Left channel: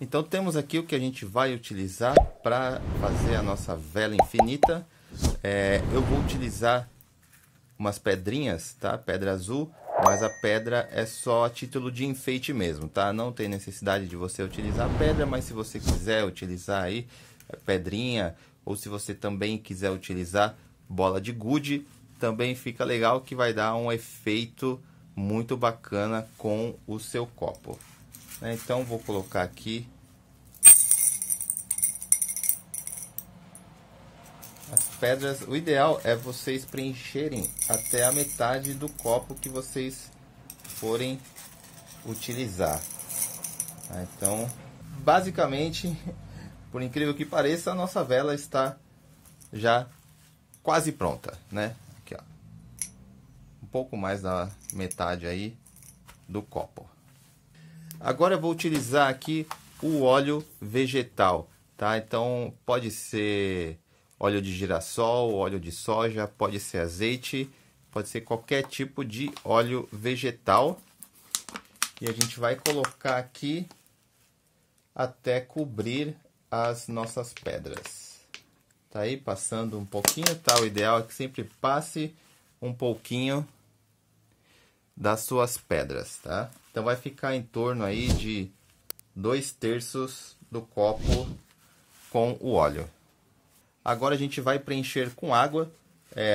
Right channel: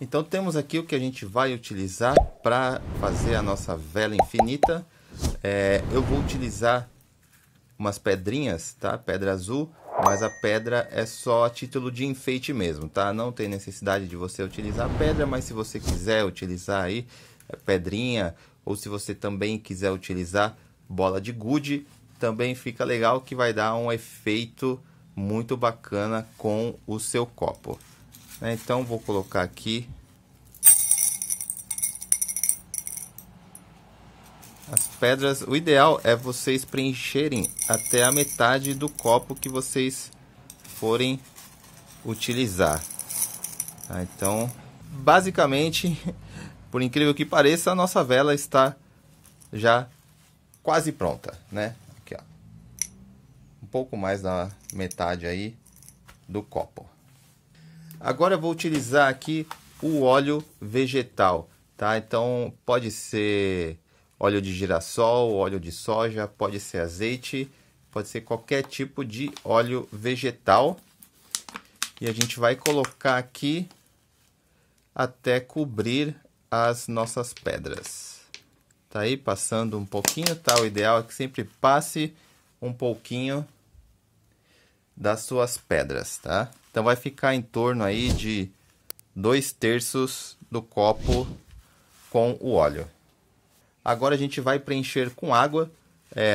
Então temos aqui o que a gente vai utilizar para fazer a nossa vela infinita. Eu vou utilizar umas pedrinhas, tá? Pedra azul, mas a pedra é só a título de enfeite mesmo, tá? Não tem necessidade de você utilizar pedra, mas se você quiser utilizar aí pedrinha, ou se você também quiser utilizar bola de gude, também fica legal, que vai dar um efeito muito bacana com o seu copo. Então vou colocar aqui as pedras. O ideal é vocês preencherem até a metade do copo que vocês forem utilizar. Então, basicamente, por incrível que pareça, a nossa vela está já quase pronta, né? Aqui, ó. Um pouco mais da metade aí do copo. Agora eu vou utilizar aqui o óleo vegetal, tá? Então pode ser óleo de girassol, óleo de soja, pode ser azeite, pode ser qualquer tipo de óleo vegetal. E a gente vai colocar aqui até cobrir as nossas pedras. Tá aí passando um pouquinho, tá? O ideal é que sempre passe um pouquinho das suas pedras, tá? Então vai ficar em torno aí de 2/3 do copo com o óleo. Agora a gente vai preencher com água,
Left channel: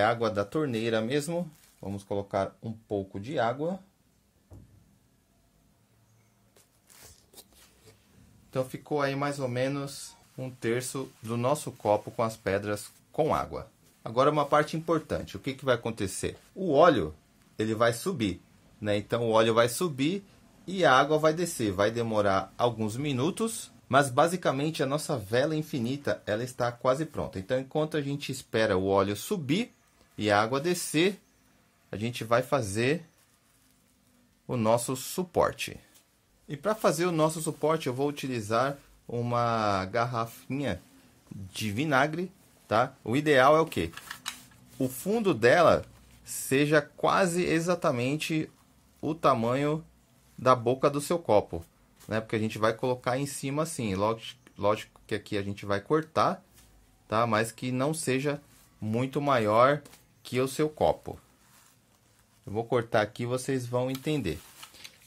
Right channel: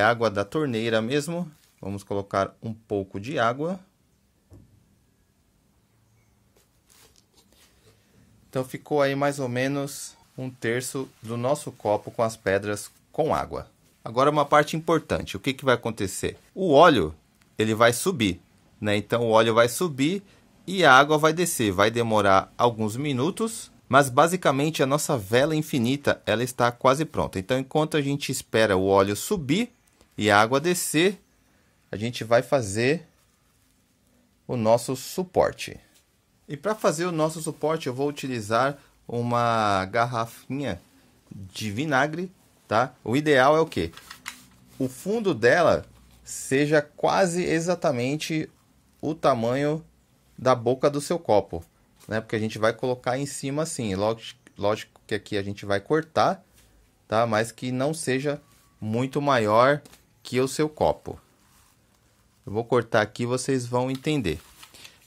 água da torneira mesmo. Vamos colocar um pouco de água. Então ficou aí mais ou menos 1/3 do nosso copo com as pedras com água. Agora uma parte importante, o que que vai acontecer? O óleo, ele vai subir, né? Então o óleo vai subir e a água vai descer. Vai demorar alguns minutos, mas basicamente a nossa vela infinita, ela está quase pronta. Então enquanto a gente espera o óleo subir e a água descer, a gente vai fazer o nosso suporte. E para fazer o nosso suporte, eu vou utilizar uma garrafinha de vinagre, tá? O ideal é o quê? O fundo dela seja quase exatamente o tamanho da boca do seu copo, né? Porque a gente vai colocar em cima assim. Lógico que aqui a gente vai cortar, tá? Mas que não seja muito maior que o seu copo. Eu vou cortar aqui, vocês vão entender.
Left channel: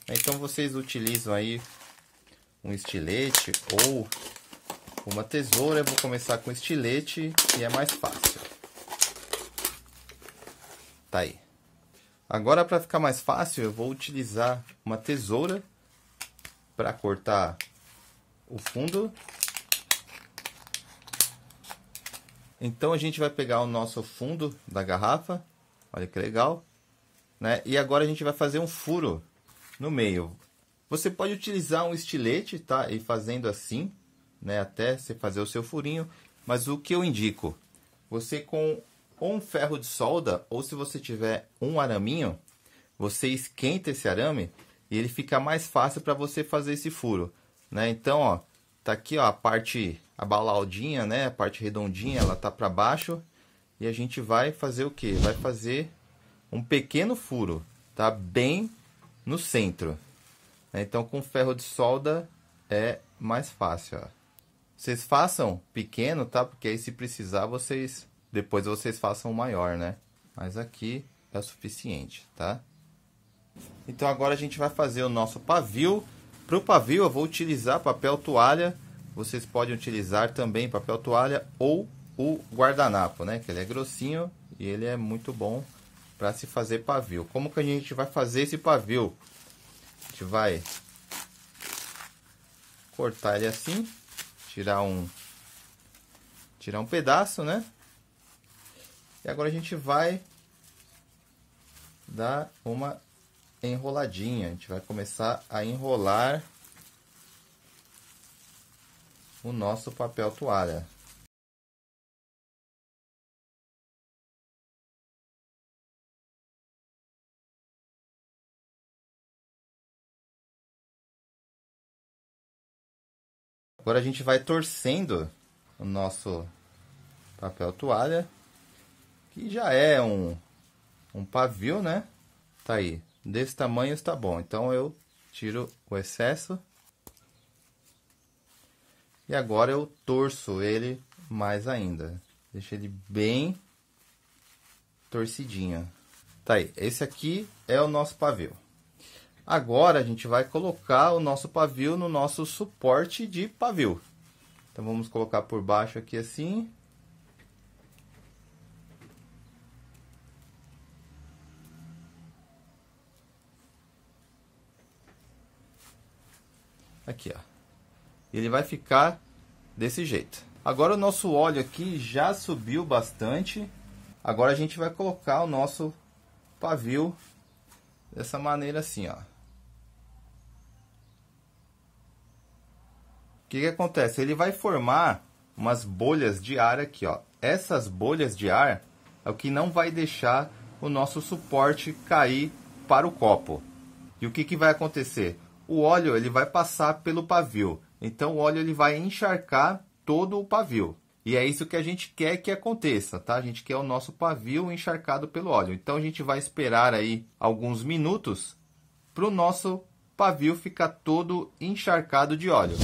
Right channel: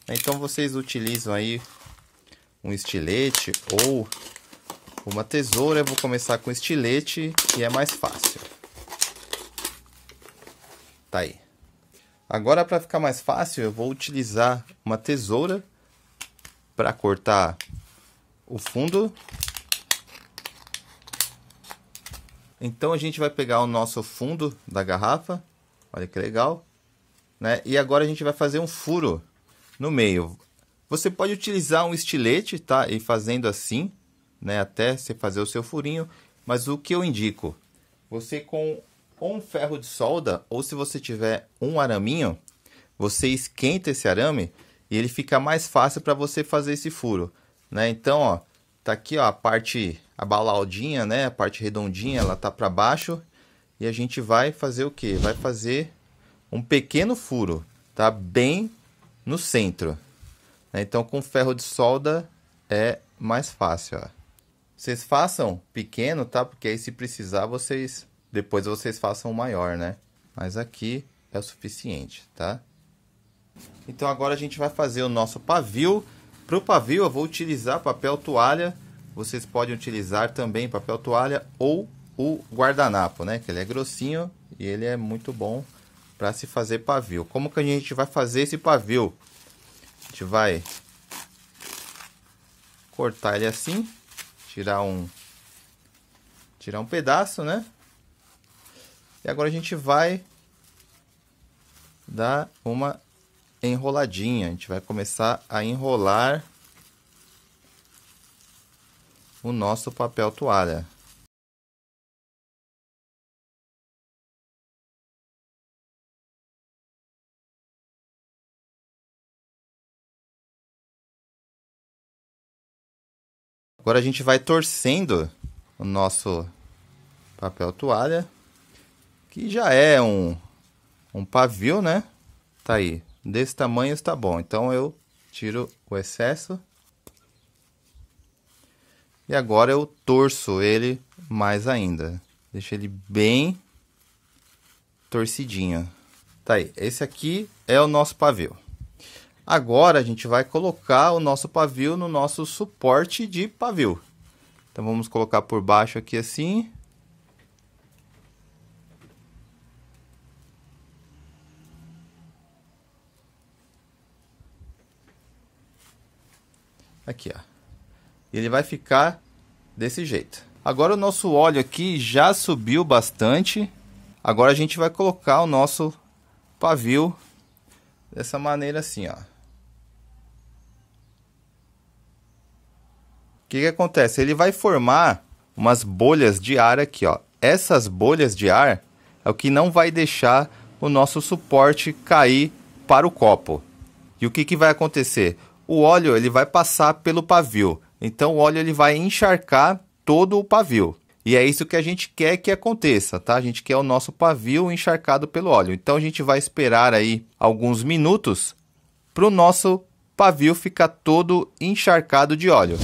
Então vocês utilizam aí um estilete ou uma tesoura. Eu vou começar com estilete, que é mais fácil. Tá aí. Agora, para ficar mais fácil, eu vou utilizar uma tesoura para cortar o fundo. Então a gente vai pegar o nosso fundo da garrafa. Olha que legal, né? E agora a gente vai fazer um furo no meio. Você pode utilizar um estilete, tá? E fazendo assim, né? Até você fazer o seu furinho. Mas o que eu indico? Você com um ferro de solda, ou se você tiver um araminho, você esquenta esse arame e ele fica mais fácil para você fazer esse furo, né? Então, ó, tá aqui, ó, a parte abalaudinha, né? A parte redondinha, ela tá para baixo. E a gente vai fazer o quê? Vai fazer um pequeno furo, tá? Bem no centro. Então com ferro de solda é mais fácil, ó. Vocês façam pequeno, tá? Porque aí se precisar depois vocês façam maior, né? Mas aqui é o suficiente, tá? Então agora a gente vai fazer o nosso pavio. Para o pavio eu vou utilizar papel toalha. Vocês podem utilizar também papel toalha ou o guardanapo, né? Que ele é grossinho e ele é muito bom para se fazer pavio. Como que a gente vai fazer esse pavio? A gente vai cortar ele assim, tirar um pedaço, né? E agora a gente vai dar uma enroladinha. A gente vai começar a enrolar o nosso papel toalha. Agora a gente vai torcendo o nosso papel toalha, que já é um pavio, né? Tá aí, desse tamanho está bom. Então eu tiro o excesso. E agora eu torço ele mais ainda. Deixa ele bem torcidinho. Tá aí, esse aqui é o nosso pavio. Agora a gente vai colocar o nosso pavio no nosso suporte de pavio. Então vamos colocar por baixo aqui assim. Aqui, ó. Ele vai ficar desse jeito. Agora o nosso óleo aqui já subiu bastante. Agora a gente vai colocar o nosso pavio dessa maneira assim, ó. O que acontece? Ele vai formar umas bolhas de ar aqui, ó. Essas bolhas de ar é o que não vai deixar o nosso suporte cair para o copo. E o que vai acontecer? O óleo ele vai passar pelo pavio. Então o óleo ele vai encharcar todo o pavio. E é isso que a gente quer que aconteça, tá? A gente quer o nosso pavio encharcado pelo óleo. Então a gente vai esperar aí alguns minutos para o nosso pavio ficar todo encharcado de óleo.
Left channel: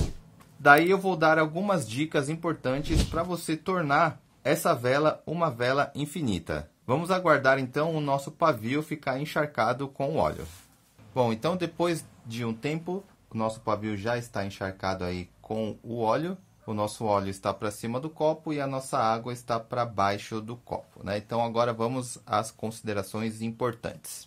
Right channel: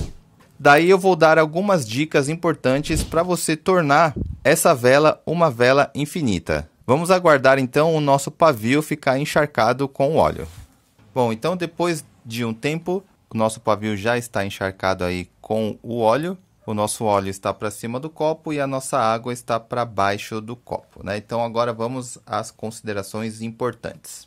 Daí eu vou dar algumas dicas importantes para você tornar essa vela uma vela infinita. Vamos aguardar então o nosso pavio ficar encharcado com o óleo. Bom, então depois de um tempo, o nosso pavio já está encharcado aí com o óleo. O nosso óleo está para cima do copo e a nossa água está para baixo do copo, né? Então agora vamos às considerações importantes.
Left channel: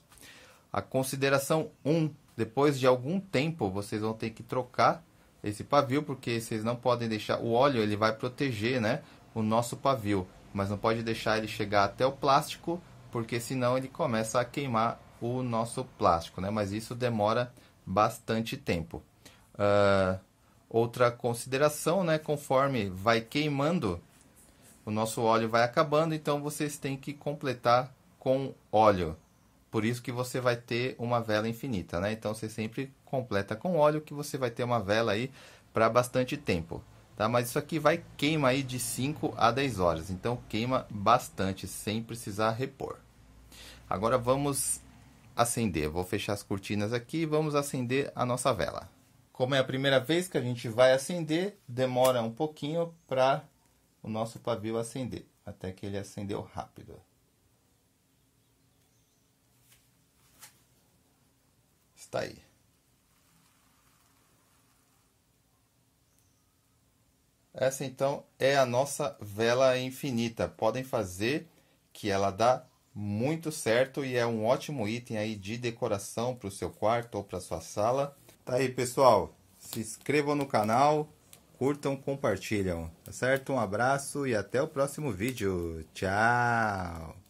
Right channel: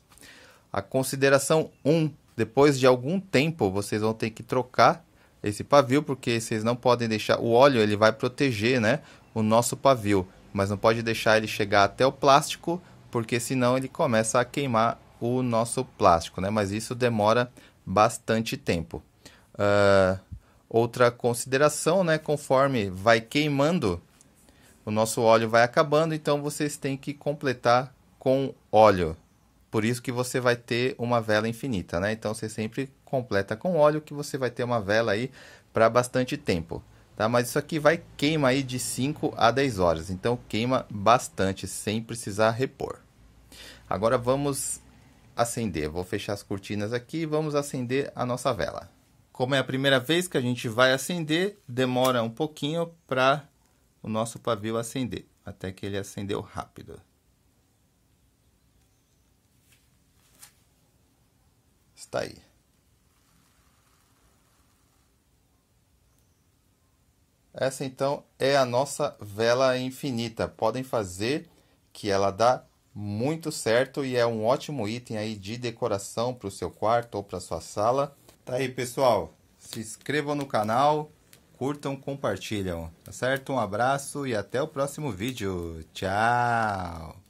A consideração 1, depois de algum tempo vocês vão ter que trocar esse pavio, porque vocês não podem deixar, o óleo ele vai proteger, né, o nosso pavio, mas não pode deixar ele chegar até o plástico, porque senão ele começa a queimar o nosso plástico, né? Mas isso demora bastante tempo. Outra consideração, né? Conforme vai queimando, o nosso óleo vai acabando, então vocês têm que completar com óleo. Por isso que você vai ter uma vela infinita, né? Então você sempre completa com óleo que você vai ter uma vela aí para bastante tempo, tá? Mas isso aqui vai queimar aí de 5 a 10 horas, então queima bastante sem precisar repor. Agora vamos acender. Vou fechar as cortinas aqui e vamos acender a nossa vela. Como é a primeira vez que a gente vai acender, demora um pouquinho para o nosso pavio acender, até que ele acendeu rápido. Está aí. Essa então é a nossa vela infinita. Podem fazer que ela dá muito certo e é um ótimo item aí de decoração para o seu quarto ou para sua sala. Tá aí, pessoal. Se inscrevam no canal, curtam, compartilham, tá certo? Um abraço e até o próximo vídeo. Tchau!